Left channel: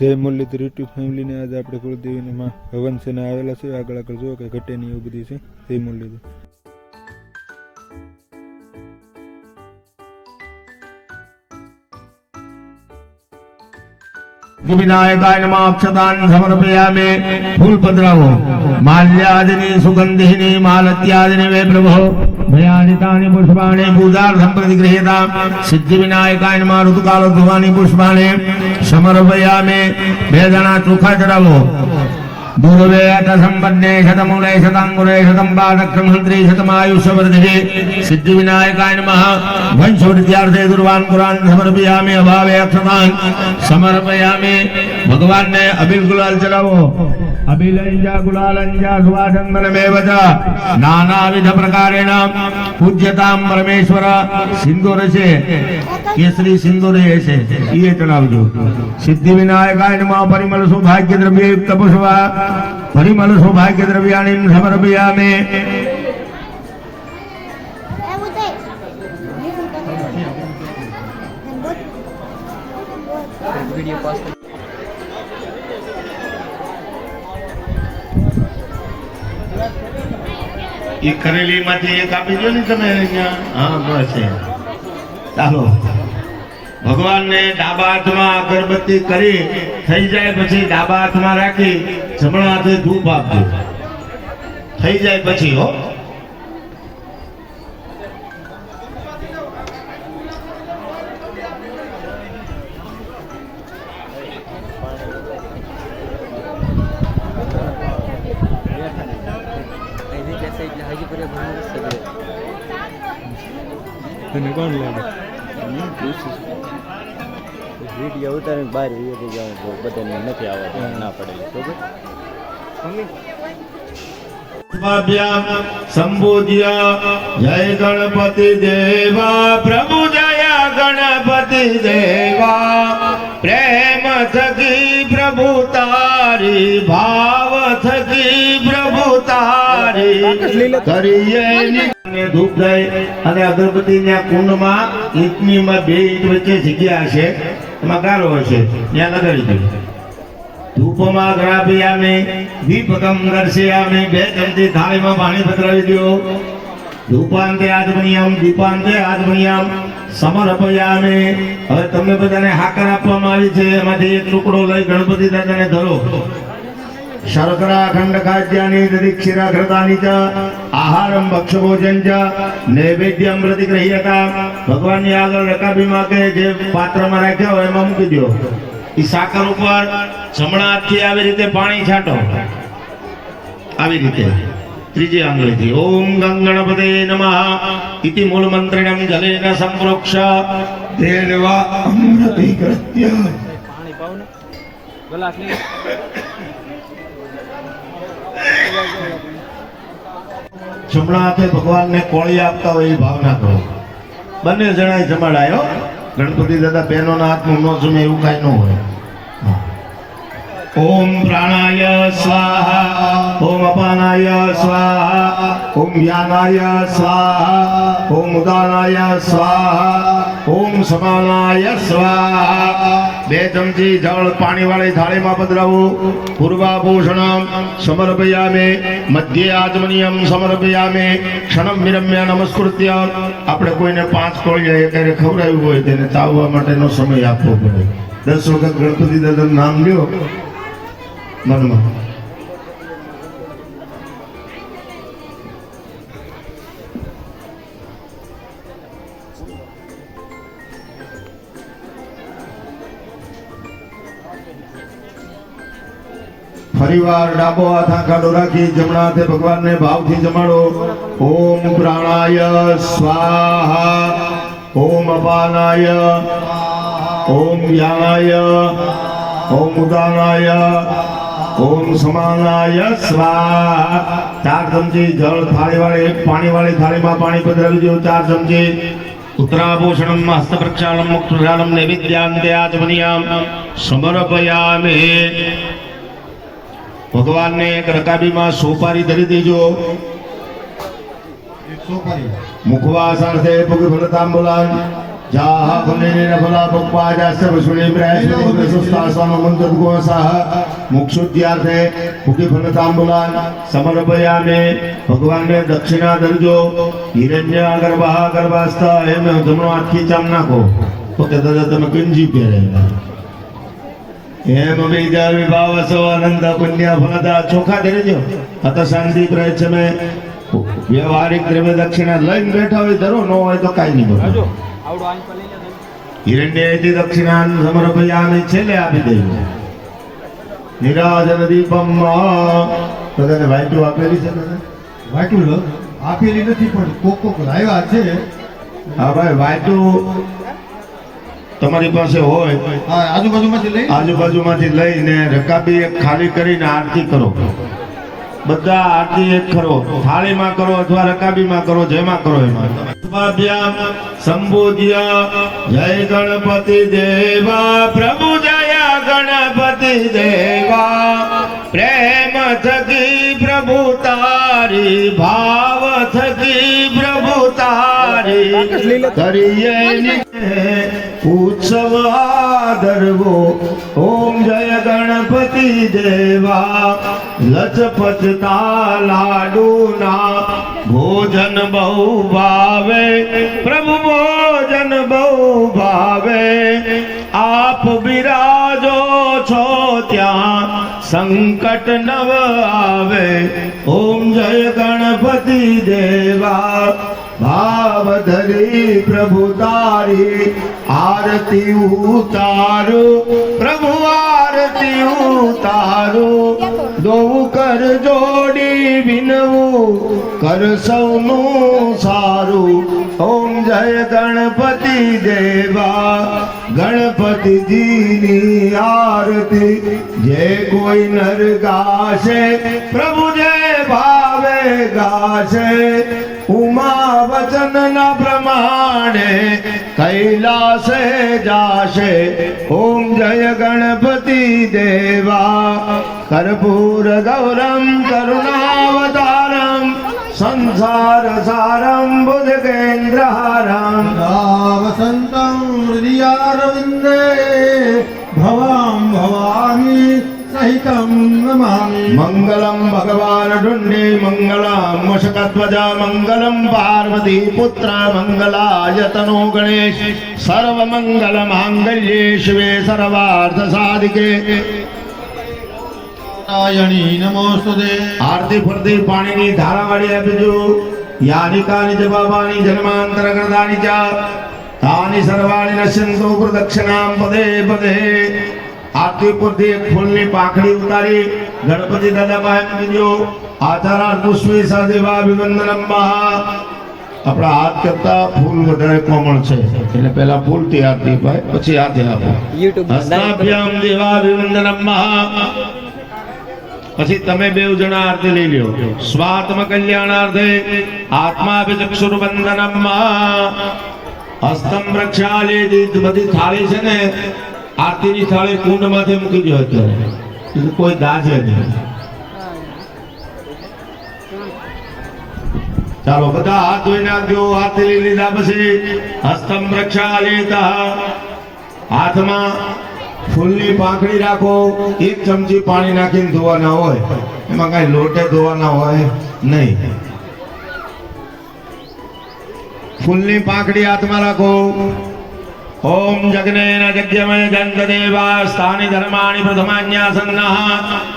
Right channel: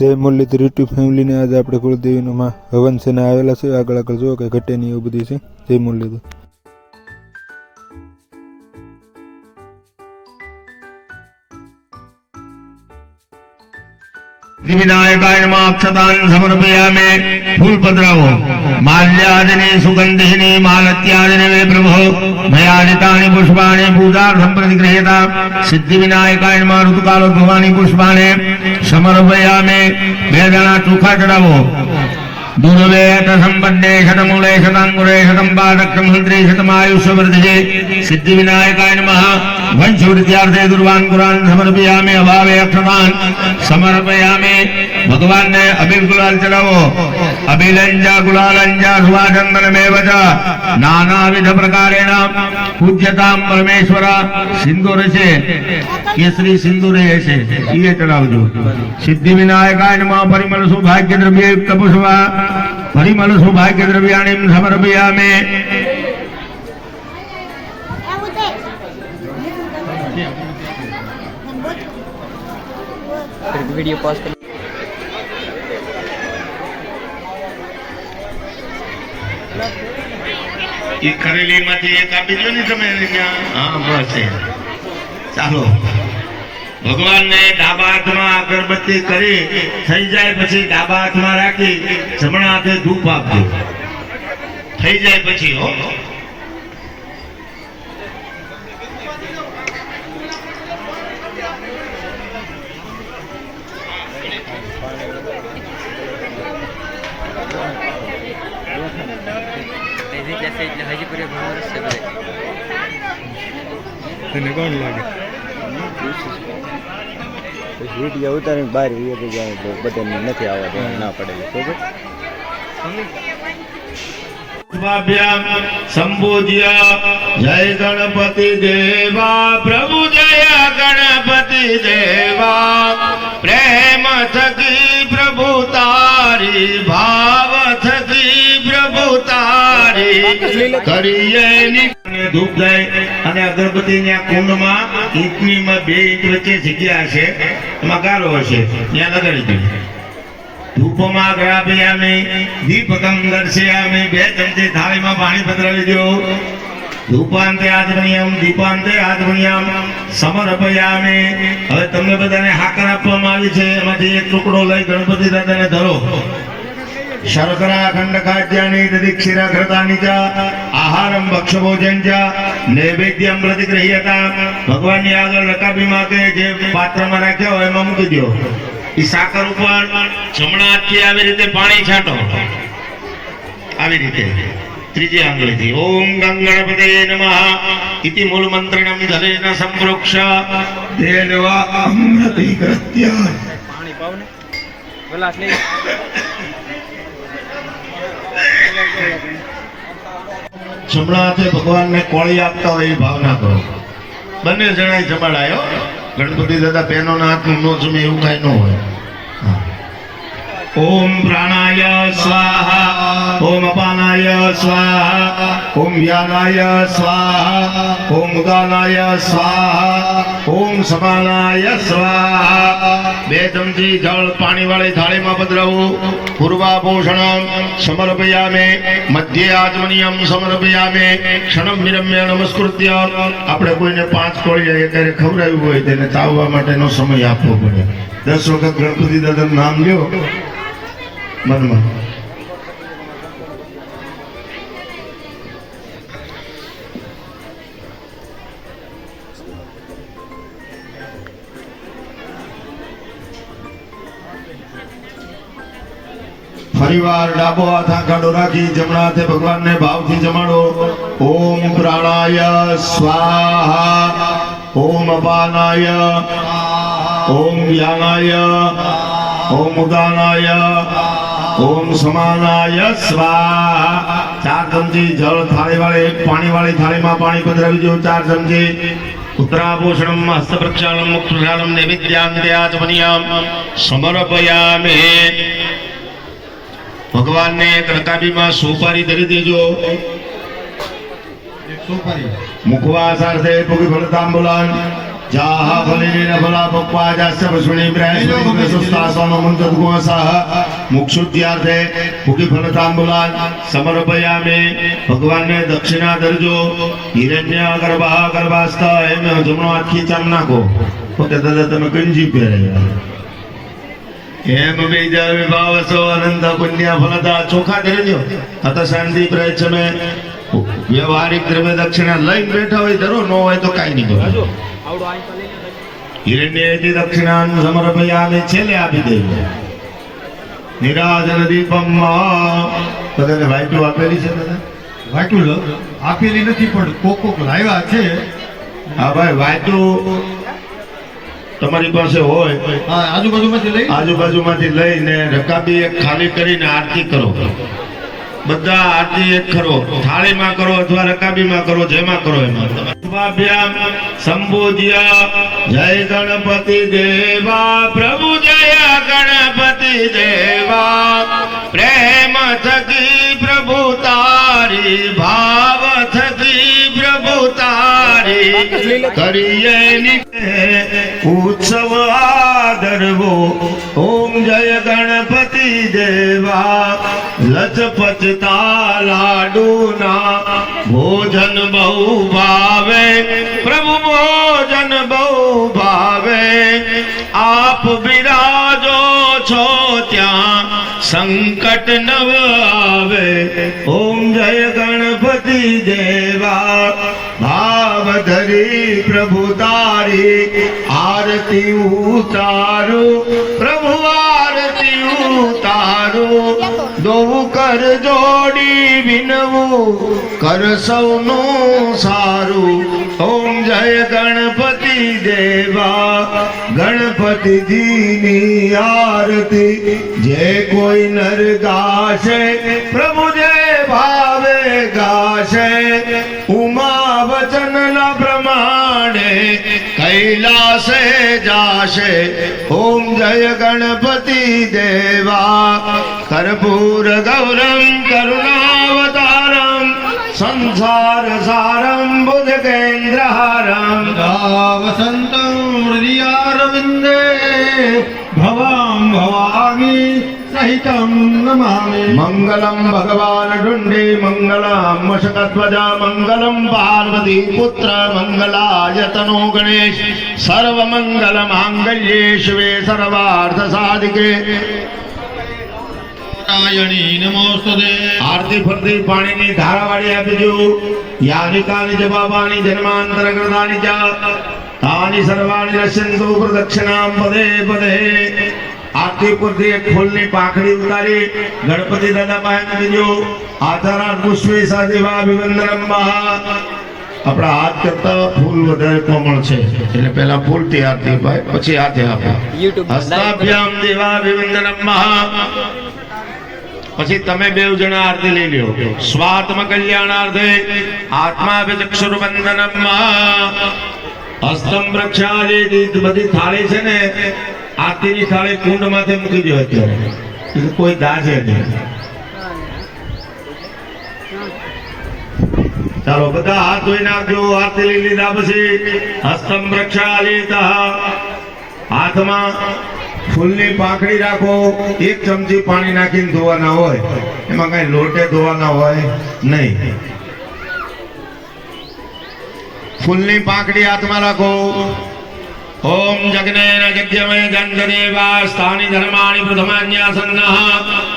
જય મુરલીધર યુટ્યુબ ફેમિલીને આજે આપણે કુળદેવીનું માં હવન છે ને આવેલા છે. આગળ આગળ જુઓ કે ઘટે નહીં એવું બધી છે. જય મુરલીધર. વિનાયકાય નમાક્ષતાન સમર્પયામે ફૂલ પધરાવો. માલ્યાદિની સુગંધિની માલત્યાદિની વે પ્રભો મયાદિતાની પુષ્પાણી પૂજાર્થમ પ્રતિગૃહ્યતા સિદ્ધિ વિનાયકાય નમઃ ઋતુકાલો ભવાની પુષ્પાણે સમર્પયામે બે જણા ચોખા ચડાવો દુર્વેત સંપન્ને શતમૂલે શતાંગુરે શતમ પાદક્ષ મંત્રી શતમાયુષ્ય વર્ધે સિદ્ધિ વિનાયકાય નમઃ વંશવૃદ્ધાર્થે દુર્વાન કુરાન સમર્પયામે અભાવે અક્ષરાન સમર્પયામે ભગવાનને અબિલ ગુલાલ ચલાવો અબિલંજા ગુલાલંજા સુવાચંદનમેવ ચ નાનાવિધ પ્રકારેણ પૂજ્યતામ પરમેશ્વર સિંદૂર છે કેસરી સિંદૂર એ છે એ ચડાવજો સિદ્ધિ વિનાયકાય નમઃ પરિમળ સૌભાગ્ય દ્રવ્ય યુક્ત પુષ્પા પરિમળ સૌભાગ્ય દ્રવ્યાણી સમર્પયામે આવું તે वीडियो पॉज कर એ કરેલી માંથી એક આપી દો ને તમે. હા, બસ ચાલો. ભગવાનને ડાબા હાથમાં અગરબત્તી કરી, થઈ જાય પછી ડાબા હાથમાં રાખી, જમણા હાથે ધૂપ આપજો. થઈ જાય પછી, હો. તને લાગે? વીડિયો ઉતારીને બહાર એ બધાને નથી આવવા ના પડે તો સ્વાભ્યામ જય ગણપતિ દેવા પ્રભુ દયા ગણપતિ દેવા પ્રેમ થકી પ્રભુ તારી ભાવ થકી પ્રભુ તારી કરીએ પાણી પધરાવી દો. ધૂપાંતે આદમનિયમ દીપાંતે આદમનિયમ સમર્પયામી હવે તમને બધાને હાકર આપવામાં આવી છે. એમાંથી એક ટુકડો લઈ ગણપતિ દાદાને ધરો. ખાદ્યાની દધિક્ષિરા ઘૃતાની ચ આહારમ ભક્ષભોજન ચ નૈવેદ્યમ પ્રતિગ્રહ્યતા ભગવાનની આગળ રકાબીમાં કે જે પાત્રમાં રાખ્યો હોય એમાં મૂકી દો એ સાકર ઉપર જમણા હાથથી આવી રીતે પાણી છાંટો. આવી રીતે. ત્રીજી આંગળીથી. ઓમ ગંગણપતે નમઃ. ઇતિ મૂળ મંત્રણમ જલેન સંપ્રોક્ષ. દેવા અમૃતિ કૃત્ય પાણી પાવને. ગ્લાસ લઈ. જમણા હાથે ભગવાનને કોળી આપતા હોય એવી ભાવના કરો. બંને જણાએ જમાડાયો ગણપતિ દાદા બહેનોના હાથનું ન જમે એવું કાંઈ ન હોય. ઓમ પ્રાણાય સ્વાહા. ઓમ અપાનાય સ્વાહા. ઓમ વ્યાનાય સ્વાહા ઓમ ઉદાનાય સ્વાહા ઓમ સમાનાય સ્વાહા બે ચમચી જળ પાણી વાળી થાળીમાં પધરાવું પૂર્વાભૂષણ સમર્પયામે મધ્ય આચમનિયમ સમર્પયામે ક્ષણમ વિરમ્ય નમસ્કૃત્ય આપણે કોઈને પાંચ કોળીએ ત્યારે ખવડાવ્યું હોય તેને ચાવવા માટેનો સમય આપવો પડે. દસ વખત ગણપતિ દાદાનું નામ લ્યો. મનમાં. ફરીવાર ડાબો હાથ આંખાડો રાખી જમણા હાથે ભગવાનને ભાવથી જમાડો. ઓમ પ્રાણાય સ્વાહા. ઓમ અપાનાય. ઓમ જ્ઞાનાય ઓમ ઉદાનાય ઓમ સમાનાય સ્વાહા. ચાર ચમચી જળ થાળી વાળી પાણી વાળી થાળીમાં પાણી પધરાવી દો. ચાર ચમચી ઉત્તરાભૂષણમ હસ્ત પ્રક્ષાલમ મુખ પ્રક્ષાલમ નૈવેદ્યાંતે આચમનિયામ સમર્પયામે. ભગવાનને એક રકાબીમાં સોપારી ધરી દેજો. મુખવાસ અર્થે પુગી ફળ બોલાન જાહ ફલેન ફલા પપ્પા જાસ્ય વસુણી પ્રયાસ્મતિ સુસ્તાસનો મંત્ર ગોસાહ મુક્ષુદ્યાર્થે મુખી ફલતાંબુલાન સમર્પયામે ભગવાનને દક્ષિણા દરજો હિરણ્ય ગર્ભા ગર્ભાસ્થ એમ જમણો આખી ચામ નાખો. ઓકે દાદા તમે કંજી પહેરે. એમ બીજા વિભાવસો અનંત પુણ્ય ફલદા ચોખા ધરજો. અત શાંતિ પ્રયચમે વ્યવહારિક દ્રવ્ય દક્ષિણા લઈને બેઠા હોય ધરો ન હોય તો કાંઈ નહીં કરો આવડો આઈ તો લઈ લે. હિરણ્યથી દક્ષિણા સમર્પયામિ છેલ્લે આપી દેજો નિરાજન દીપમ તને વાંચું આપેલી છે? લો. આપેલી નથી પણ કોક કોક લાવ્યા છે. હા ભાઈ વાંચું તમારી પાસે હોય આજુબાજુમાંથી લઈ? આજુબાજુમાંથી લઈને રકાબી એક ખાલી કરીને આરતી કરો. બધા આરતી એક કરો. થાળીમાં કરો અથવા રકાબીમાં કરો જેમાં કરો એમાં. શુભાભ્યામ સંબોધ્યા જય ગણપતિ દેવા પ્રભુ જય ગણપતિ દેવા. પ્રેમ થકી પ્રભુ તારી ભાવ થકી પ્રભુ તારી. કરીએ ઉત્સવ આદરવો ઓમ જય ગણપતિ દેવા. લચપચતા લાડુના ભોજન બહુ ભાવે. પ્રભુ ભોજન બહુ ભાવે. આપ બિરાજો છો ત્યાં. સંકટ નવ આવે. ઓમ જય ગણપતિ દેવા. ભાવ ધરી પ્રભુ તારી. આરતી ઉતારો, પ્રભુ આરતી ઉતારો. દોવું કર જોડી વિનવું, કર સૌનું સારું. ઓમ જય ગણપતિ દેવા, ગણપતિજીની આરતી. જે કોઈ નર ગાશે, પ્રભુ જય ભાવે ગાશે. ઉમા વચન ના પ્રમાણે કૈલાસે જાશે. ઓમ જય ગણપતિ દેવા. કર્પૂર ગૌરમ, કરુણાવતારમ, સંસાર સારમ, બુધ કેન્દ્રહારમ. વસંતમ હૃદયારવિંદે. ભવામ ભવામી, સહિતમ નમામિ મંગલમ ભગવાન ડુંડે મંગલમ મશકધ્વજા મંગલમ પાર્વતી પુત્ર મંગલાયતનો ગણેશ સર્વ મંગલ માંગલ્યે શિવે સર્વાર્થ સાધિકે નારાયણી નમોસ્તુતે આરતી ફરતી પાણીની ધારાવાળી આપીજો યાની કાની જવાબાની જન્માંતર કરતાની ચા તાની સર્વાણી નશ્યંતો પ્રદક્ષિણામ પદે પદે આરતી પરથી એક ફૂલની પાંખડી ઉતારી ગણપતિ દાદા પાસે મૂકીજો આધારાર પુષ્પી સાથે અભિવંદનમ મહા. આપણા હાથ કરતા ફૂલ વધારે કોમળ છે. એટલે પહેલા ફૂલથી આરતી ભાઈ પછી હાથે આપો હસ્તાભ્યામ દેવા અભિવંદનમ મહા. પછી તમે બે જણા આરતી લઈ લ્યો. સ્વાત્મ કલ્યાણાર્થે આત્મા વિચક્ષુર બંધનમ હસ્તમ રક્ષાલી બધી થાળી છે ને આરતીની થાળી કુંડ માથે મૂકી દો એટલે કોઈ દાજે નહીં. ચાલો, બધા હાથ ધોઈ નાખજો આરતી લઈ લીધા પછી હસ્તમ રક્ષાલી હાથમાં ફૂલની પાંખડી રાખો, એક ચમચી પાણી નાખીને ધોવાના હોય. એમાં કઈ લોટે ધોવાના હોય નહીં. ફૂલની પાંખડી હાથમાં રાખો. ઓમ જગ્નેન જગ્યમય ગંગદેવા સ્થાની ધર્માણિ પ્રથમાન્યાસન્નઃ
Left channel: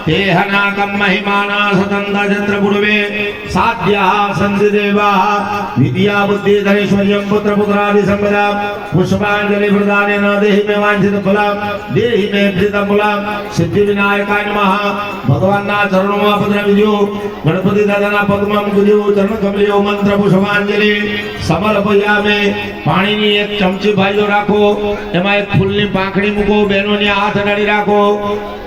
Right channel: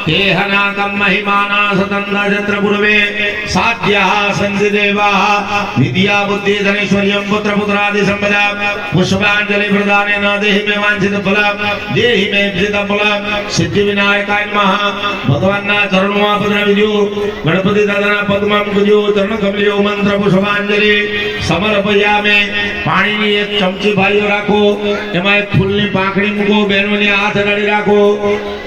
દેહનાકમ મહિમાના સતંદ જત્ર પૂર્વે સાધ્યઃ સંધિ દેવાઃ વિદ્યા બુદ્ધિ ધનૈશ્વર્યમ પુત્ર પુત્રાદિ સંપદા પુષ્પાંજલિ પ્રદાનેન દેહી મે વાંછિત ફલમ દેહી મે પ્રિત ફલમ સિદ્ધિ વિનાયકાય નમઃ ભગવાનના ચરણોમાં પધરાવીજો ગણપતિ દાદાના પગમાં રાખો. એમાં એક ફૂલની પાંખડી મૂકો બહેનોને હાથ અડાડી રાખો.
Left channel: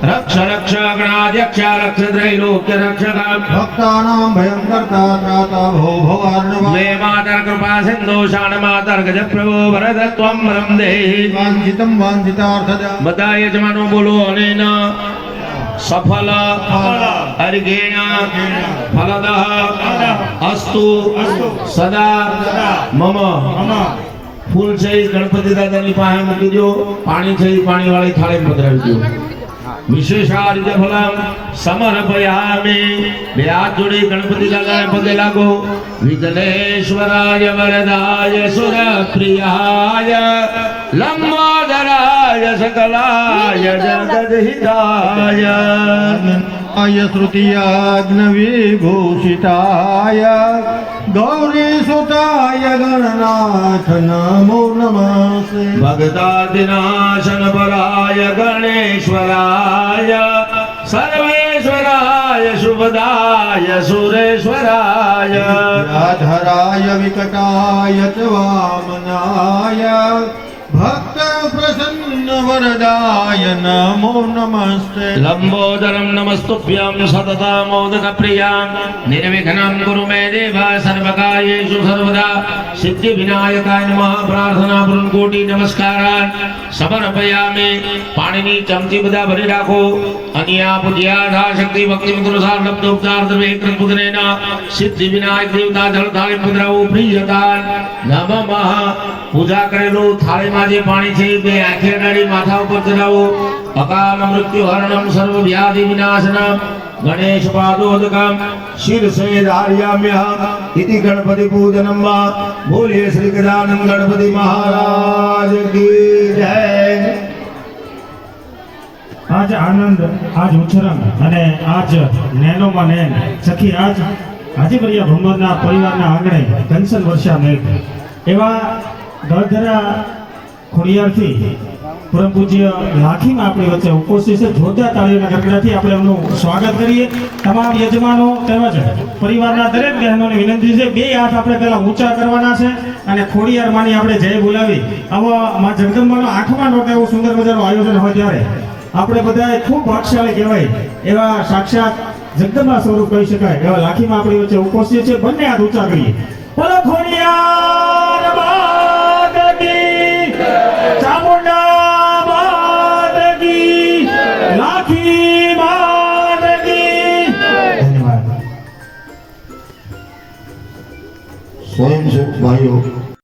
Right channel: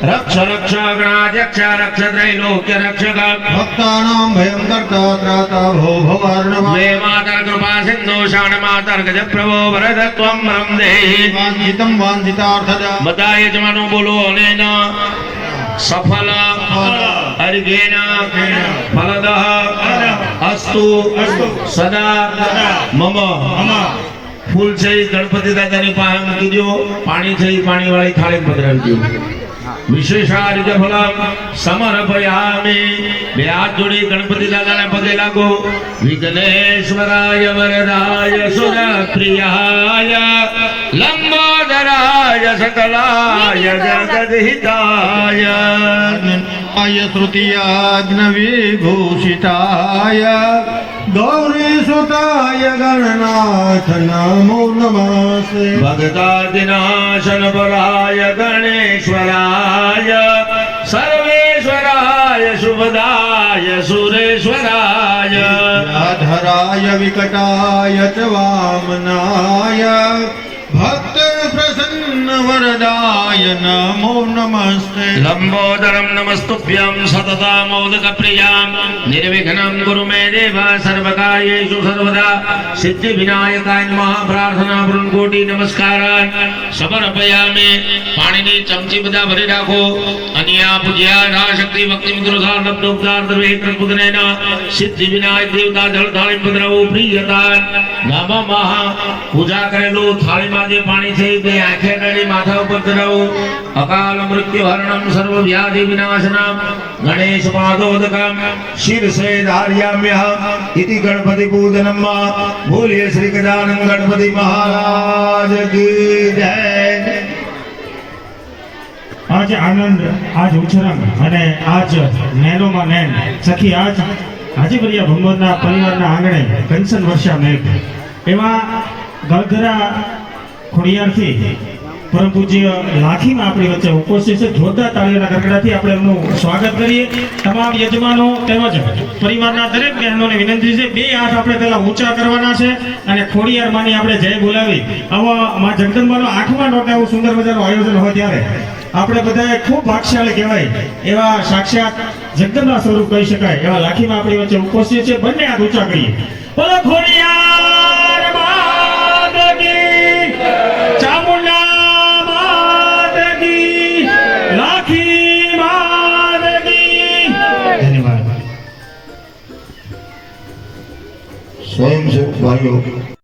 રક્ષ રક્ષ ગણાધ્યક્ષ રક્ષ ત્રૈલોક્ય રક્ષક ભક્તાનામ ભયંકરતા ત્રાતા ભો ભવાર્ણવ. જે માતર કૃપા સિંધુ શાણ માતર ગજ પ્રભો ભરત ત્વમ રમ દેહી વાંજિતમ વાંજિતાર્થદ બધા એ બોલો અને ના સફલ. અર્ઘેણ ફલદ. અસ્તુ. સદા. મમ. ફૂલ છે, એ ગણપતિ દાદાની પાસે મૂકી દો પાણી છે એ પાણી વાળી થાળી પધરાવી દો વિશેષાર્જ ફલમ સમર્પયામિ. બે હાથ જોડી ગણપતિ દાદાને પગે લાગો. વિઘ્નેશ્વરાય વરદાય સુરપ્રિયાય. य सकलाय जगदहिताय आय श्रुतियाज्ञविभूषिताय गौरीसुताय गणनाथ नमो नमस्ते भगतादिनाशनपराय गणेश्वराय सर्वेश्वराय शुभदाय सुरेश्वराय धराय विकटाय च वामनाय वरदाय नमो नमस्ते लंबोदरं नमस्तुभ्यं सततामोदकप्रियां निर्विघ्नं कुरु मे देव सर्वकार्येषु सर्वदा સિદ્ધિવિનાયકાય નમઃ પ્રાર્થના વૃંકોટી નમસ્કારાન સમર્પયામિ પાણીની ચમચી બધા ભરી રાખો અન્યા પૂજ્યા ઢા શક્તિ ભક્તિ મુદ્રસા નબ્દોપકાર દ્રવે કૃતબુદ્ધનેન સિદ્ધિ વિનાયક દેવતા જળ થાળી મુદ્રાઓ પ્રિયતાન નમઃ પૂજા કરેલું થાળીમાં જે પાણી છે તે આંખે ગાડી માથા ઉપર ધરાવો અકાલ મૃત્યુ હરણમ સર્વ વ્યાધિ વિનાશનમ. ગણેશ પાદોદકમ શિરસે ધાર્યામ્યહમ ઇતિ ગણપતિ પૂજનમ ભૂલ્ય શ્રી ગજાનંદ ગણપતિ મહારાજ કી જય. આજ આનંદ, આજ ઉછરમ અને આજ મેલોમાં મેન સખી, આજ હાજીપરિયા ભગવતના પરિવારના આંગણે કંચન વર્ષા મેઘ એવા ગળધરા ખોડિયારથી પરમ પૂજ્ય લાખીમાં આપણી વચ્ચે ઉપસ્થિત છે, જોરદાર તાળીઓના ગરગડાથી આપણે એમનું સ્વાગત કરીએ. તમામ યજમાનો તેમજ પરિવારના દરેક બહેનોને વિનંતી છે, બે હાથ આપણે પહેલા ઊંચા કરવાના છે અને ખોડિયાર માની આપણે જય બોલાવી. આવા માં જગદંબાનો આઠમા નોટે એવું સુંદર મજાનું આયોજન હોય ત્યારે આપણે બધાએ ખૂબ ભાગશાળી કહેવાય એવા સાક્ષાત જગદંબા સ્વરૂપ કહી શકાય, એવા લાખીમાં આપણી વચ્ચે ઉપસ્થિત છે. બંને હાથ ઊંચા કરીએ. બોલો ખોડિયાર! 所有所有。